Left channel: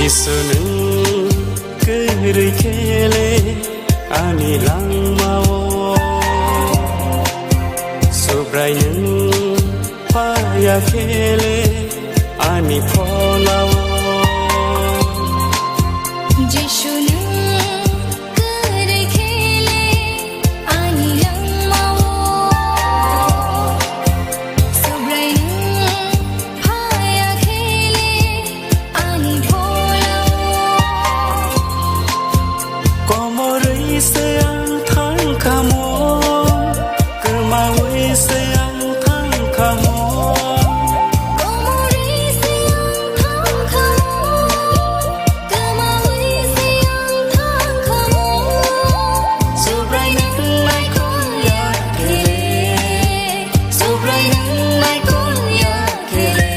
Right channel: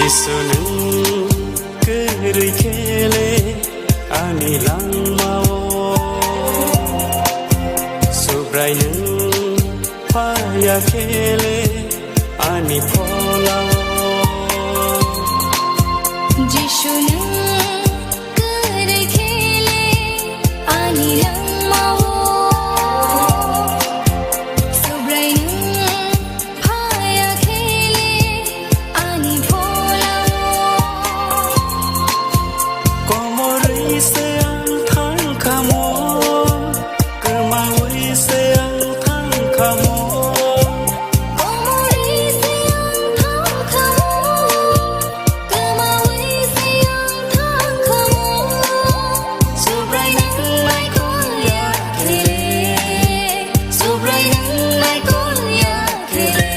Jisuning kiri kele ani langmao Subraining paya kele ani polao Jisuning kiri kele ani langmao Subraining paya kele ani Komori seang thang kamo Kermawi seang thang kamo Komori seang thang kamo Kermawi seang thang kamo Subrai nang mai kon ya kele Subrai nang mai kon ya kele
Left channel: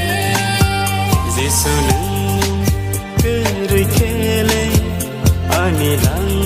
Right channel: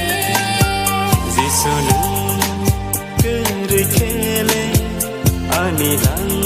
Jisuning kiri kele ani lang